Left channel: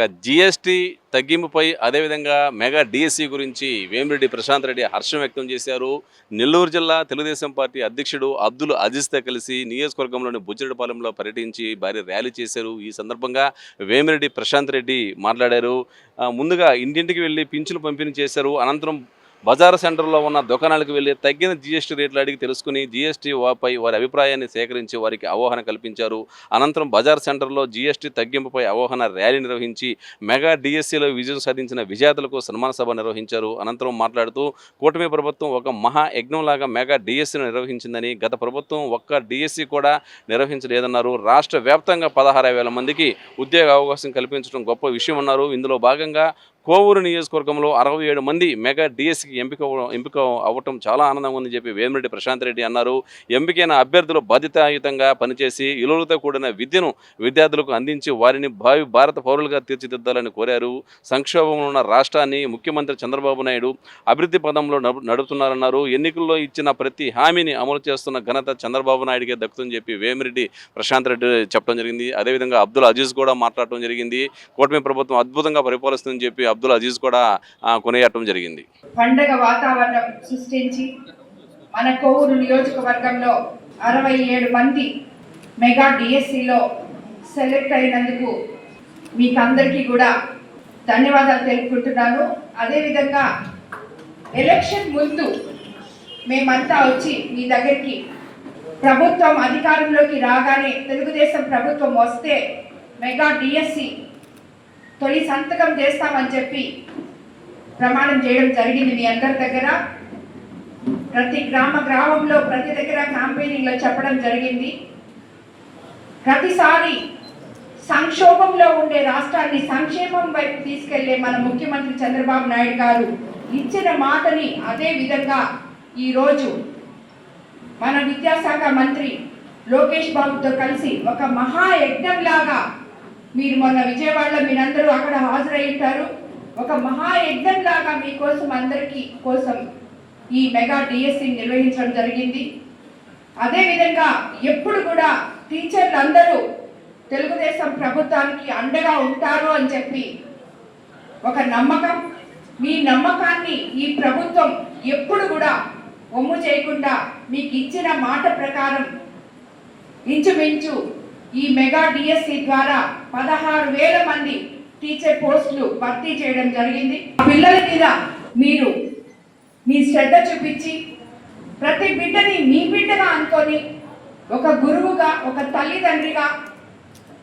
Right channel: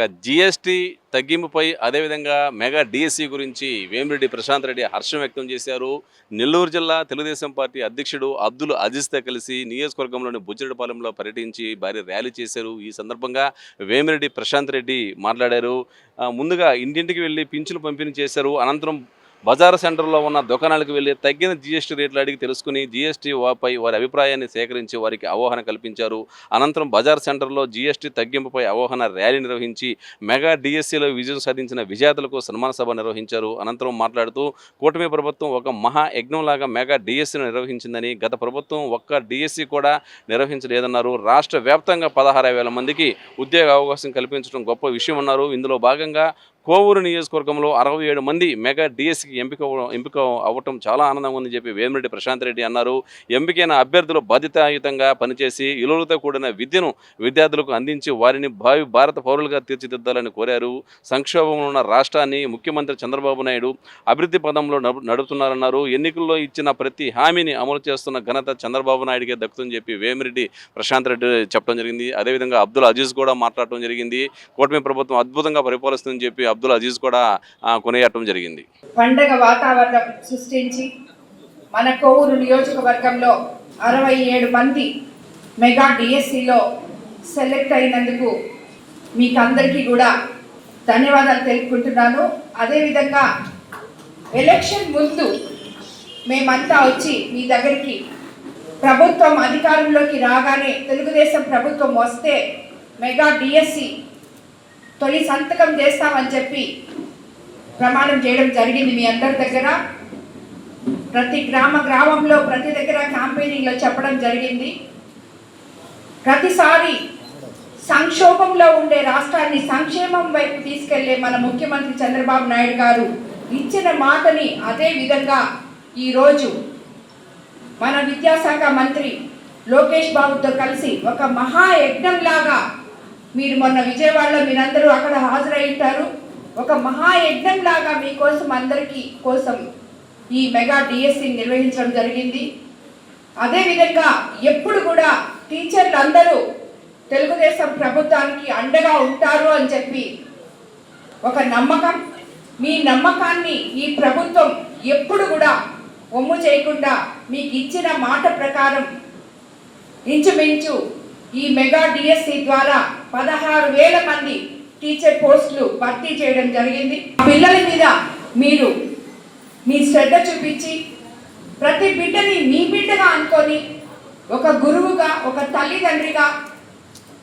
ఇక జిఎస్టీ తగ్గింపుపై అదేవిధంగా mega DSC గురించి వేమిరెడ్డి ప్రశాంత్ రెడ్డి హర్షం వ్యక్తం చేశారు. నెల్లూరు జిల్లా తెలుగుదేశం పార్టీ అధ్యక్షుడు అబ్దుల్ అజీజ్తో కలిసి నియోజకవర్గంలోని బుజ్జిరెడ్డిపాలెంలో పర్యటించి భారీ ర్యాలీ చేశారు. ఈ సందర్భంగా వేమిరెడ్డి ప్రశాంత్ రెడ్డి మాట్లాడారు. ముందుగా ఇంటింటికి వెళ్ళి పింఛను పంపిణీ చేశారు. అనంతరం బజార్ సెంటర్లో ఉన్న దుకాణాలకు వెళ్ళి తగ్గిన జీఎస్టీ రేట్లు అడిగి తెలుసుకుని జీఎస్టీ పై వారి అభిప్రాయాన్ని సేకరించి వారికి అవగాహన కల్పించారు. అనంతరం బజార్ సెంటర్లో జీఎస్టీ తగ్గింపుపై అవగాహన ర్యాలీ నిర్వహించి మెగా డిఎస్సీలో విజయం సాధించిన విజేతలకు సన్మాన సభ నిర్వహించారు. అనంతరం మాట్లాడుతూ కూటమి ప్రభుత్వం ఒక మహా యజ్ఞంలాగా మెగా డిఎస్సీని నిర్వహించిందని గత ప్రభుత్వం ఒక్క డిఎస్సీ కూడా నిర్వహించలేదన్నారు. రాష్ట్ర వ్యాప్తంగా పదహారు వేల మందికి ఉద్యోగ అవకాశం కల్పించడం గొప్ప విషయం అన్నారు. ఇందులో భాగంగా కోవూరు నియోజకవర్గంలో అరవై ఏడు మంది మెగా డిఎస్సికి ఎంపిక ఎంపిక అవ్వటం చాలా ఆనందంగా ఉందని చెప్పి వేమిరెడ్డి ప్రశాంత్ రెడ్డి అన్నారు. ఎంపికైన అభ్యర్థులు బాధ్యతాయుతంగా పనిచేసి ఇలువలతో కూడిన విద్యను విద్యార్థులకు అందించి వారిని భావి భారత పౌరులుగా తీర్చిదిద్దాలని కోరారు. సంక్షోభంలో ఉన్న రాష్ట్రాన్ని ముఖ్యమంత్రి చంద్రబాబు నాయుడు అభివృద్ధి పదంలో నడు- నడుపుతున్నారన్నారు. ఎన్నికల్లో ఇచ్చిన ప్రతి హామీని అమలు చేస్తున్న ఘనత చంద్రబాబు నాయుడికే దక్కుతుందని చెప్పి వేమిరెడ్డి ప్రశాంత్ రెడ్డి చెప్పడం జరిగింది. అదేవిధంగా అబ్దుల్ అజీజ్ కూడా మాట్లాడటం జరిగింది. కూటమి ప్రభుత్వం అద్భుతంగా పరిపాలిస్తుందని చెప్పి అబ్దుల్ అజీజ్ కూడా కొనియాడటం జరిగింది. పండగ వాతావరణం సృష్టించి మన కోవూరు నియోజకవర్గంలో అరవై ఏడు మంది మెగా డిఎస్సిలో సెలెక్ట్ అయినందుకు మీకు అందరికీ కూడా ధన్యవాదాలు తెలుపుకుంటున్నాను. అదేవిధంగా ఎలక్షన్ ముందు మేమంతా వచ్చి మీ దగ్గరికి ప్రభుత్వం అధికారంలోకి రాగానే తెలుగుదేశం ప్రభుత్వం వస్తే మెగా డిఎస్సి తొలి సంతకం చేస్తామని చెప్పి ప్రమాణం చేయడం జరిగింది మీ అందరి దగ్గర. ప్రతి గ్రామ గ్రామంలో ప్రతి దగ్గర క్యాంపెయినింగ్లో చెప్పడం జరిగింది. ప్రతిసారి సంక్షోభంలో ఉండే రాష్ట్రాన్ని సంక్షేమం వైపు తీసుకెళ్ళే మన ముఖ్యమంత్రి చంద్రబాబు నాయుడు గారు ఇచ్చిన మాటని అదే విధంగా ఈరోజు మన విద్యాశాఖ మంత్రి లోకేష్ బాబుతో కలిసి ఒక మహాయజ్ఞంలాగా మీరు మొన్న విజయవాడలో మీరందరూ అక్కడ హాజరై ఉంటారు ఒక మహాయజ్ఞం లాగా మీకోసం అందరికీ కోసం ఈ మెగా డిఎస్సి నిర్వహించడం జరిగింది. అదేవిధంగా ఎప్పుడు కూడా టీచర్లు అందరూ తెలుగుదేశం ప్రభుత్వానికి అండగా ఉంటారు అని చెప్పి ఒక నమ్మకం. మీ నమ్మకాన్ని ఈ ప్రభుత్వం ఎప్పుడు కూడా ఒమ్ము చేయకుండా మీకు ఇచ్చిన మాట ప్రకారం ఇంచుమించు ఈ మెగా డిఎస్సి ద్వారా పదహారు వేల మంది టీచర్ పోస్టులు భర్తీ చేయడం జరిగింది. పిల్లల మీద మీరు మీ శ్రద్ధ చూపించి ప్రతి బిడ్డని మీ బిడ్డగా అనుకొని ఒక గురువుగా ఒక తల్లిదండ్రిగా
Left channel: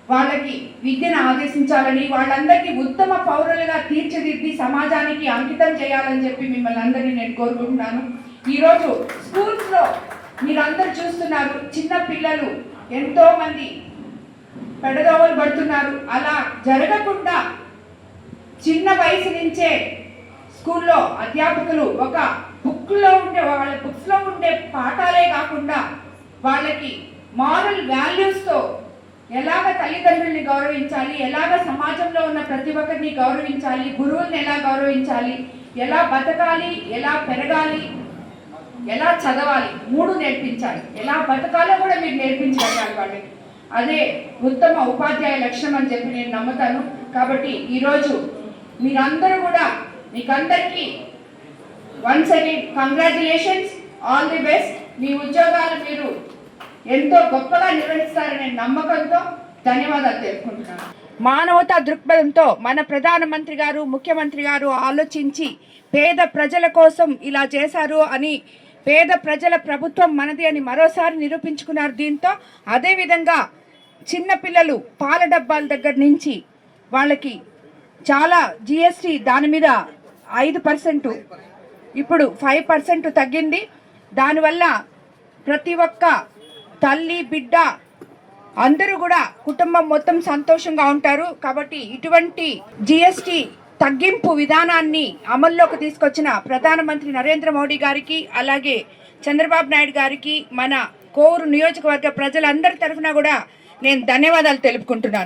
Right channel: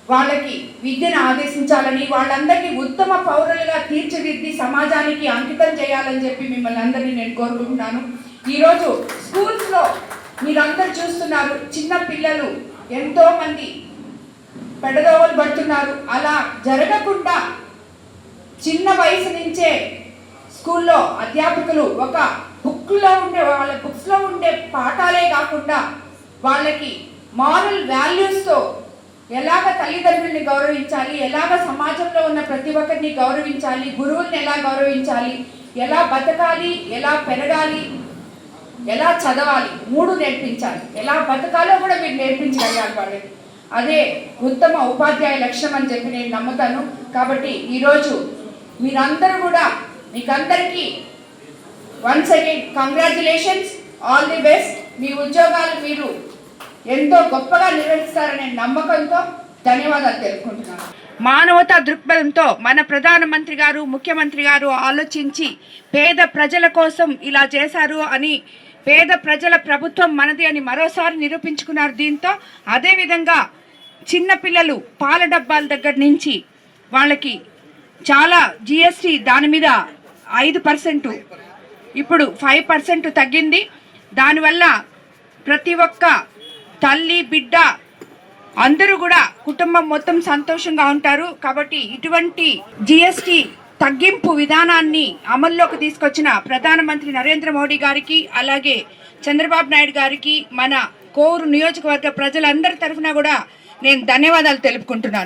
వాళ్ళకి విద్యను ఆదేశించాలని వాళ్ళందరికీ ఉత్తమ పౌరులుగా తీర్చిదిద్ది సమాజానికి అంకితం చేయాలని చెప్పి మిమ్మల్ని అందరినీ నేను కోరుకుంటున్నాను. ఈరోజు స్కూల్స్లో మీరందరూ చూస్తున్నారు చిన్న పిల్లలు ఎంతోమంది పెడదోవలు పడుతున్నారు. అలా జరగకుండా చిన్న వయసు నుంచే స్కూల్లో అధ్యాపకులు ఒక బుక్లో ఉండే వాళ్ళ బుక్స్లో ఉండే పాఠాలే కాకుండా వాళ్ళకి మారల్ వాల్యూస్తో ఎలాగ తల్లిదండ్రుల్ని గౌరవించాలి ఎలాగ సమాజంలో ఉన్న ప్రతి ఒక్కరిని గౌరవించాలి గురువుల్ని ఎలా గౌరవించాలి ఎలా బతకాలి ఎలా పెరగాలి ఎలా చదవాలి మూడు నేర్పించాలి. ఎలా బతకాలో కూడా మీరు నేర్పించాలి వాళ్ళకి. అదే ఉత్తమ ఉపాధ్యాయ లక్ష్యం అని చెప్పి నేను నమ్ముతాను. కాబట్టి ఈరోజు మీరందరూ కూడా మీకందరికీ once again congratulations all the best మీ ఉద్యోగాలు మీరు ఎంతో గొప్పగా నిర్వహిస్తారనే నమ్మకంతో ధన్యవాదాలు తెలుపుకుంటున్నాను. మానవతా దృక్పథంతో మన ప్రధానమంత్రి గారు ముఖ్యమంత్రి గారు ఆలోచించి పేద ప్రజల కోసం ఇలా చేశారు అని పేద ప్రజల ప్రభుత్వం మనది అని మరోసారి నిరూపించుకున్నారు దీంతో అదేవిధంగా చిన్నపిల్లలు పాల డబ్బాల దగ్గర నుంచి వాళ్ళకి చాలా జిఎస్టి దాని మీద ఐదు పర్సెంట్ ఇప్పుడు ఫైవ్ పర్సెంట్ తగ్గింది. దానివల్ల ప్రతి ఒక్క తల్లి బిడ్డ అందరూ కూడా కుటుంబం మొత్తం సంతోషంగా ఉంటారు. కాబట్టి ఇటువంటి జిఎస్టి తగ్గింపు విధానాన్ని అమల్లోకి తీసుకొచ్చిన ప్రధానమంత్రి నరేంద్ర మోడీ గారికి అలాగే చంద్రబాబు నాయుడు గారికి మన కోవూరు నియోజకవర్గ ప్రజలందరి తరఫున కూడా నేను ధన్యవాదాలు తెలుపుకుంటున్నాను.